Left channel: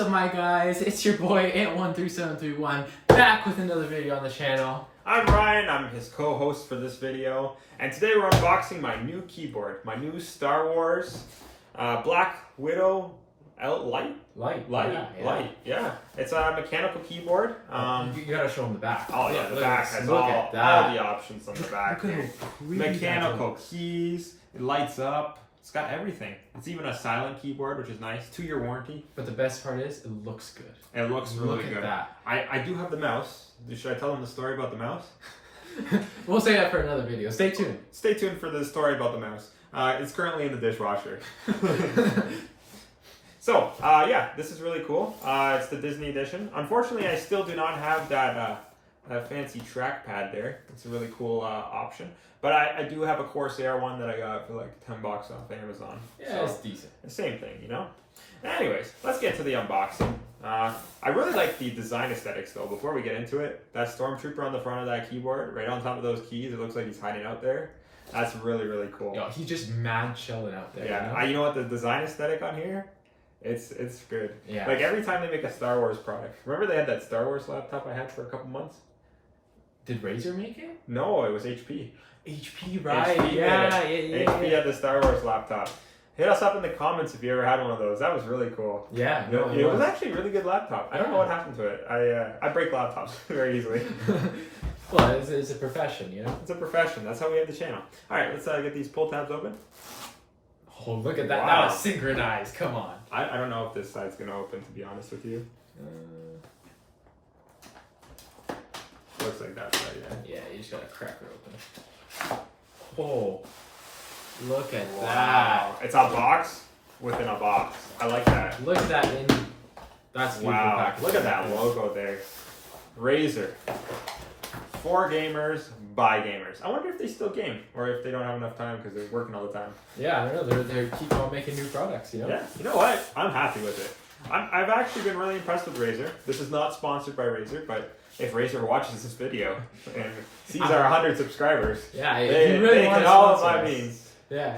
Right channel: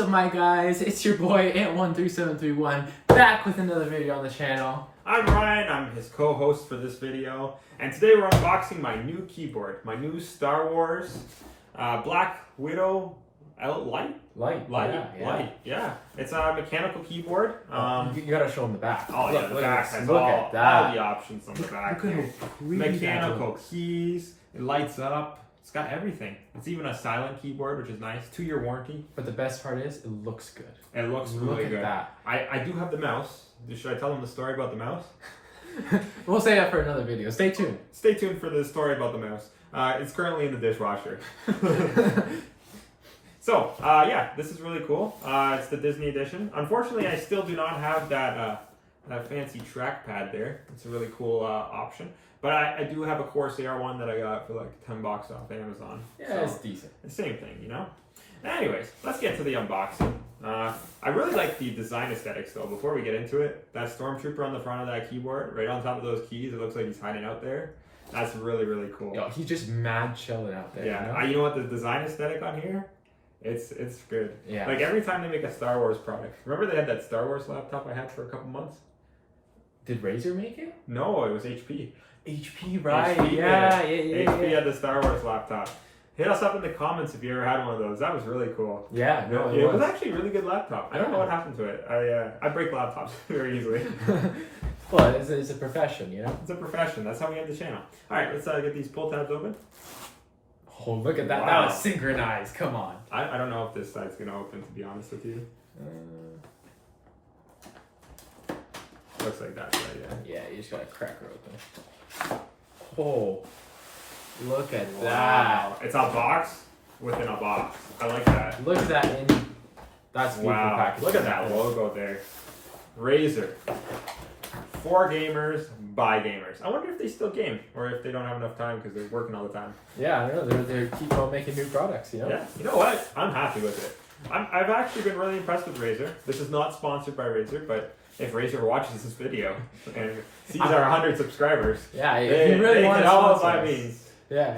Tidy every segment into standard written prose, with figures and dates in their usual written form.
up, my guys? It's your boy Ant13731 back with another video on the channel. I'm Ryan, I'm his co-host for this video, and today we're unboxing my new keyboard, my new Star Wars Black Widow Light. Yeah. It's a mechanical keyboard. You gotta show them the back. Oh yeah, the back has all the options on the back. Look at Mechanical keys, it lights up. It's got everything. It's even a silent keyboard, which is nice. 2-year warranty. But the best part is, it looks good. It looks really good. Look at that. I do have the mouse. Should I tell them the story about the mouse? We'll say that for another video. Stay tuned. Stay tuned for the story about the mouse. It's currently in the dishwasher. So, yeah, this is really cool. It's the Disney edition. Unfortunately, I still do not have that fancy trackpad there. It's a really cool option. But I do have a Corsair one that I got for like $10 off Amazon. Yeah, so it's decent. The same thing, you know? Anyways, let's get to the unboxing. I really like the design aesthetics though. Before we get into it, that Stormtrooper on the front of that keyboard, right on top of those keys, it looks like he's hiding out there. That's really, really cool. Yo, he's just mad chilling out there. Yeah, you know? You know what, the design aesthetic on here? It's good. Yeah. Like every time they make a Star Wars product. Remember they had that Star Wars laptop I had for a couple months? Did Razer make it? No, it was HP. HP, right? HP yeah. HP had the Star Wars laptop. Hit us up in the comments if you ever had one of those. That was really cool. Yeah, no, it was actually a really good laptop. I don't know what happened to it. I break laptops very easily. Well, it's a profession, you know? It's a profession. That's how we have the channel. All right, let's get these pull tabs open. Oh, look at that. Wow. That was synchronized. Come on. I don't know if this side's going to open, to be honest with you. Looks like that side, yeah. Yeah, you just got to crack her open. Oh, look at Wow. It's a box within a box. I like that. Look at that. That's beautiful packaging. Look at that logo there. Razer. For gamers, by gamers. I wonder if they still game or if they don't have enough time because they're working all the time. Yeah, I don't know. They keep on making new products, you know? Yeah. You know what? I'm happy with it. I've actually been really impressed with Razer. This is not sponsored by Razer, but if Razer watches this video and sees our 100 subscribers, yeah, if you really want to sponsor us. Means. Yeah.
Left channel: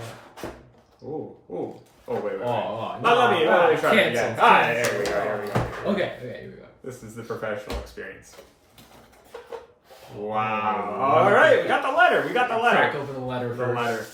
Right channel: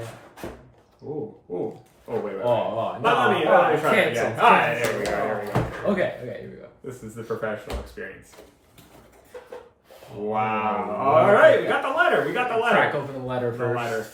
Ooh. Oh, wait. No. Let me try it again. All right, here we go. Okay, here we go. This is the professional experience. Wow. All right, we got the letter. Crack open the letter first. The letter.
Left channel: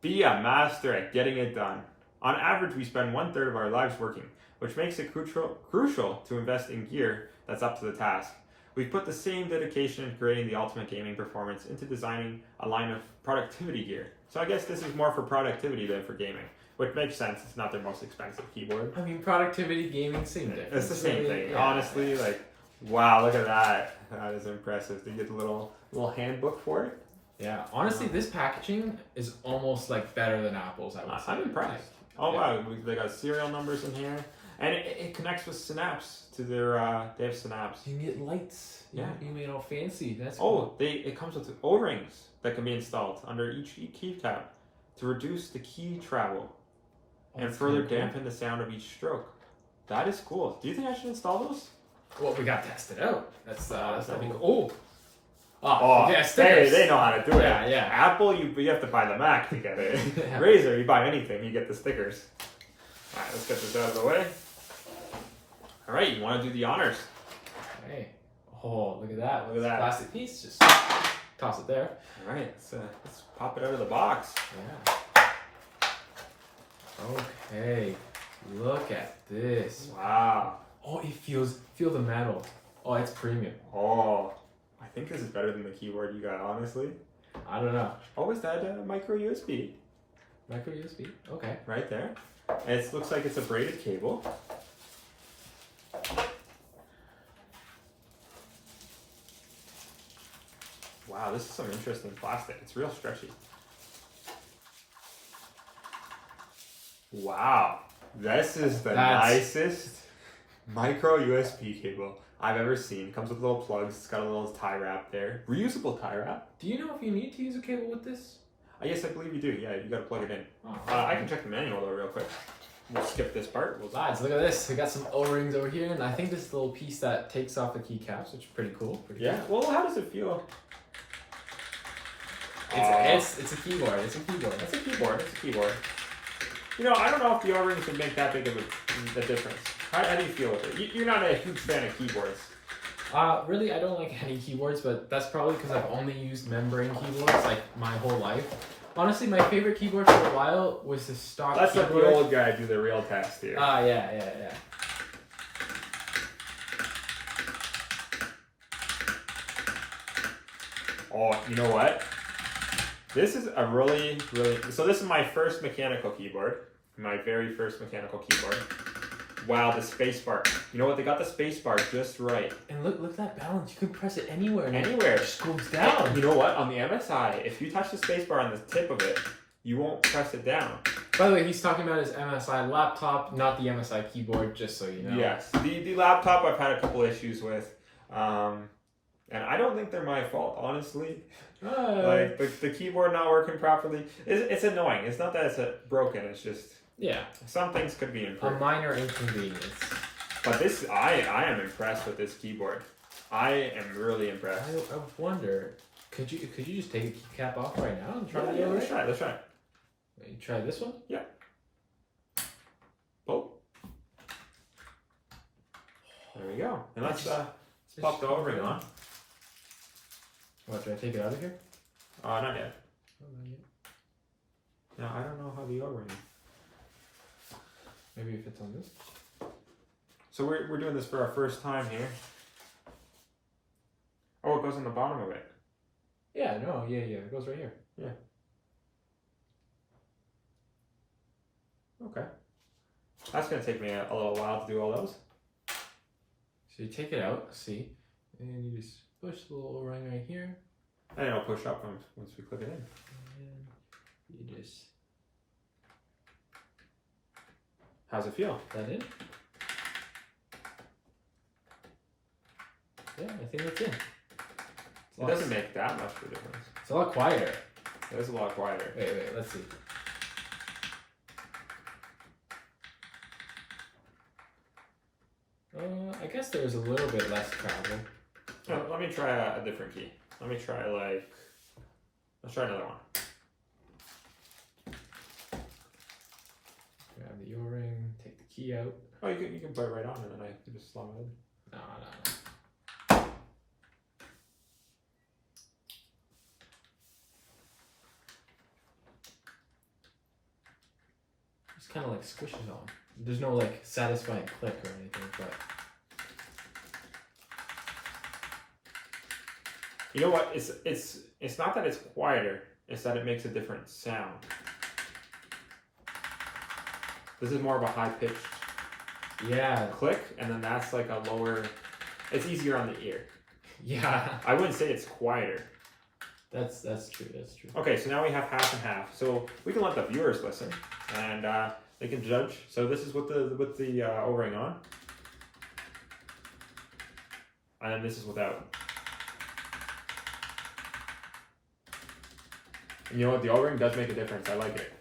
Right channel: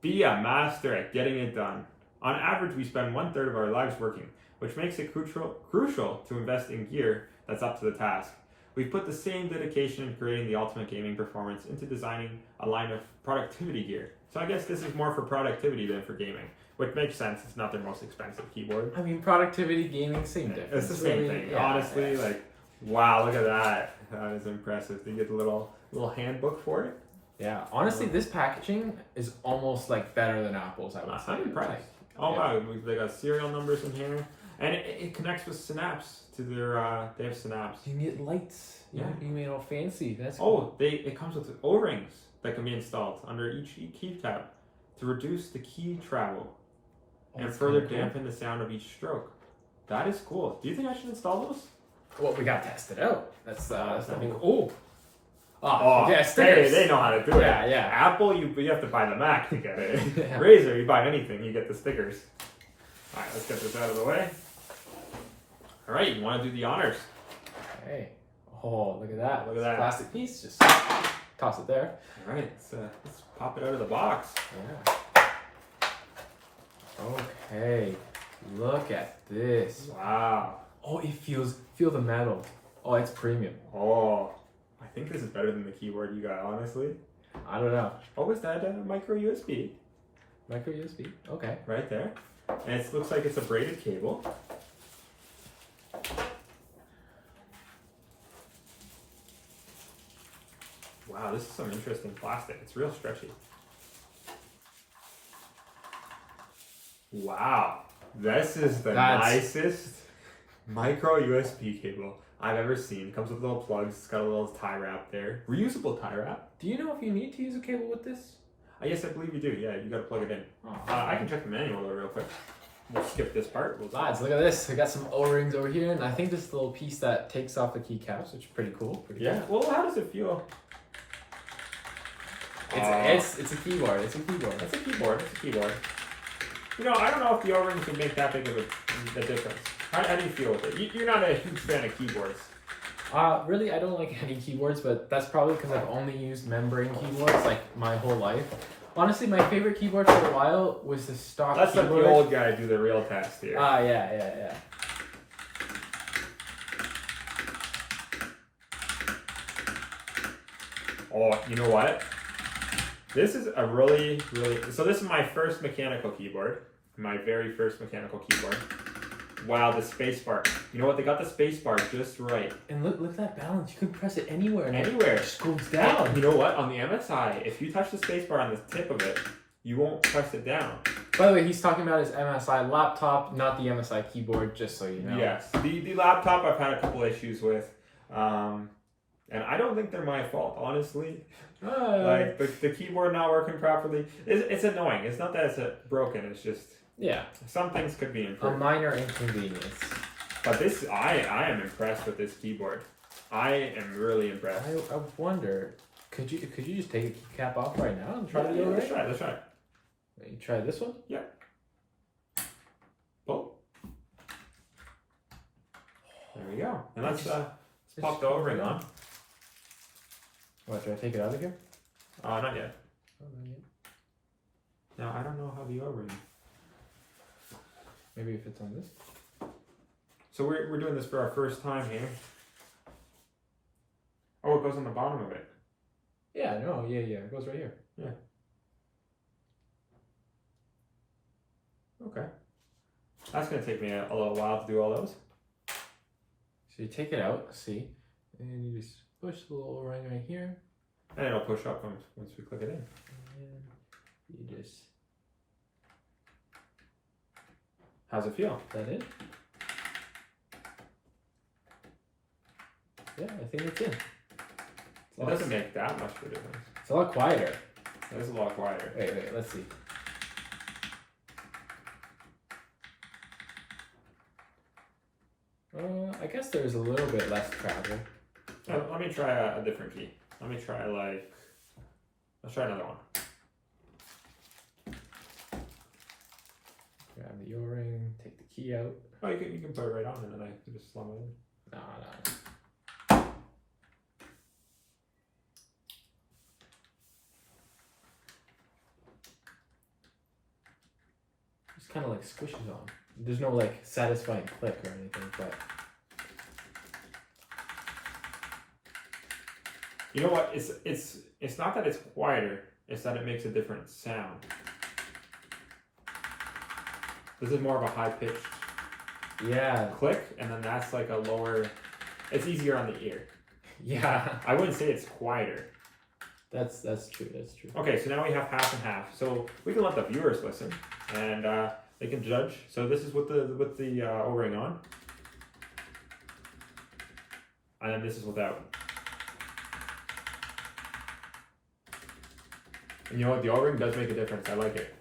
Be a master at getting it done. On average, we spend 1/3 of our lives working, which makes it crucial to invest in gear that's up to the task. We've put the same dedication in creating the ultimate gaming performance into designing a line of productivity gear. So I guess this is more for productivity than for gaming, which makes sense. It's not their most expensive keyboard. I mean, productivity, gaming, same difference. It's the same thing. Yeah, honestly, like, wow, look at that. That is impressive. Do you get the little handbook for it? Yeah, honestly, this packaging is almost like better than Apple's, I would say. I'm impressed. Wow, they got serial numbers in here. And it connects with Synapse to their, they have Synapse. You can get lights. Yeah. You made all fancy. That's cool. It comes with O-rings that can be installed under each key cap to reduce the key travel and further dampen the sound of each stroke. That is cool. Do you think I should install those? Well, we got to test it out. That's cool. cool. Oh, yeah, stickers. They know how to do it. Yeah. Apple, you have to buy the Mac to get it. Yeah. Razer, you buy anything, you get the stickers. All right, let's get this out of the way. All right, you want to do the honors? Okay. Oh, look at that. Look at that. Plastic piece. Just toss it there. All right, let's pop it out of the box. Yeah. Okay. Look at this. Wow. Oh, feel the metal. Oh, it's premium. Oh, I think this is better than the keyboard you got, honestly. I don't know. Oh, is that micro USB? Micro USB. Okay. Right there. And it looks like it's a braided cable. Wow, this is some interesting plastic. It's real stretchy. Wow, this is the nicest micro USB cable I've ever seen. It comes with little plugs. It's got a little tie wrap there. Reusable tie wrap. Do you know if you need to use a cable with this? Yes, I believe you do. Yeah, you got to plug it in. Oh. I can check the manual real quick. We'll skip this part. Lads, look at this. We got some O-rings over here, and I think this is the little piece that takes off the keycaps, which is pretty cool. Well, how does it feel? It's a keyboard. It's a keyboard. It's a keyboard. You know, I don't know if the O-rings would make that big of a difference. How do you feel with it? You're not a huge fan of keyboards. Really, I don't like any keyboards, but that's probably because I've only used membrane keyboards like my whole life. Honestly, my favorite keyboard for a while was the stock Let's let keyboard. the old guy do the real test here. Yeah. Oh, you know what? This is a really... So this is my first mechanical keyboard. My very first mechanical keyboard. Wow, the space bar. You know what? They got the space bar just right. And look at that balance. You can press it anywhere. And Anywhere. It just goes down. You know what? On the MSI, if you touch the space bar on the tip of it, you won't press it down. By the way, he's talking about his MSI laptop, not the MSI keyboard, just so you know. Yes. The laptop I've had a couple issues with. And I don't think they're my fault, honestly. Like, the keyboard not working properly. It's annoying. It's not that it's broken. It's just... Yeah. Some things could be improved. A minor inconvenience. But this, I am impressed with this keyboard. I am really impressed. I wonder, could you just take a keycap off right now and try the Let's try it. You try this one? Yeah. Pull. There we go. And let's pop the O-ring on. What, do I take it out of here? Not yet. Oh, not yet. No, I don't know how the O-ring. Maybe if it's on this. So we're doing this for our first time here. Oh, it goes on the bottom of it. Yeah, no, yeah, it goes right here. Yeah. Okay. That's gonna take me a little while to do all those. So you take it out, see, and you just push the little O-ring right here. And it'll push up once we click it in. And you just... How's it feel? That in? Yeah, I think it's in. It doesn't make that much of a difference. It's a lot quieter. It is a lot quieter. Wait, let's see. I guess there's a little bit less travel. Let me try a different key. Let's try another one. Grab the O-ring, take the key out. Oh, you can put it right on and then I can just slum it in. No. Just kind of like squishes on. There's no like satisfying click or anything, but you know what? It's not that it's quieter. It's that it makes a different sound. This is more of a high pitched click, and then that's like a lower. It's easier on the ear. Yeah, I wouldn't say it's quieter. that's true. Okay, so now we have half and half. So we can let the viewers listen, and they can judge. So this is with the O-ring on, and then this is without. And you know what? The O-ring does make a difference. I like it.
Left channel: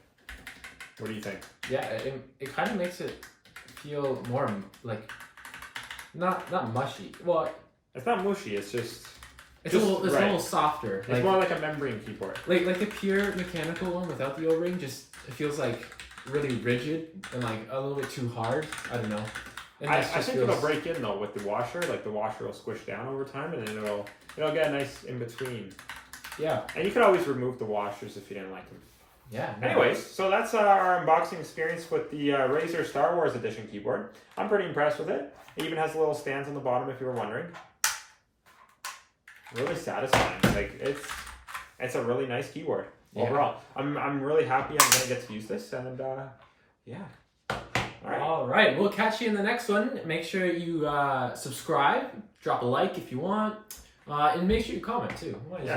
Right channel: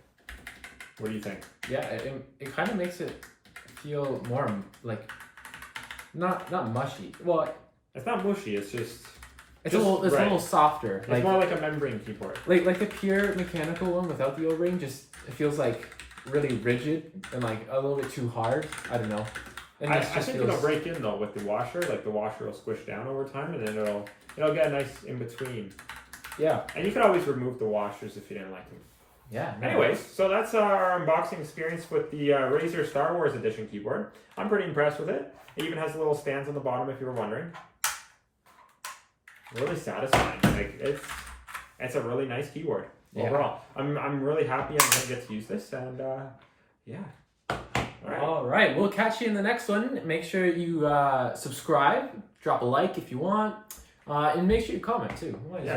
What do you think? Yeah, it kind of makes it feel more like not mushy. Well, It's not mushy. It's just it's a little softer. It's like more like a membrane keyboard. like the pure mechanical one without the O-ring. Just it feels like really rigid and like a little bit too hard. I don't know. And I this just think it'll break in though with the washer. Like the washer will squish down over time, and then it'll get a nice in between. Yeah. And you can always remove the washers if you didn't like them. Yeah. No. Anyways, so that's our unboxing experience with the Razer Star Wars Edition keyboard. I'm pretty impressed with it. It even has little stands on the bottom if you were wondering. Really satisfying. Like it's a really nice keyboard overall. I'm really happy I'm gonna get to use this, and yeah. All right. We'll catch you in the next one. Make sure you subscribe, drop a like if you want, and make sure you comment too. Might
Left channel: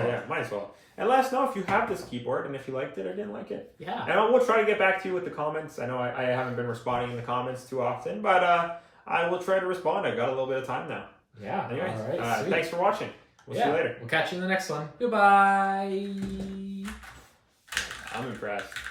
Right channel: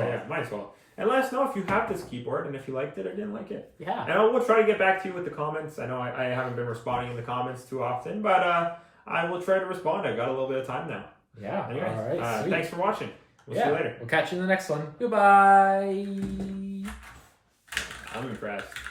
as well. And let us know if you have this keyboard and if you liked it or didn't like it. Yeah. And we'll try to get back to you with the comments. I know I haven't been responding in the comments too often, but I will try to respond. I got a little bit of time now. Yeah. Anyways, all right. thanks for watching. We'll see you later. We'll catch you in the next one. Goodbye. I'm impressed.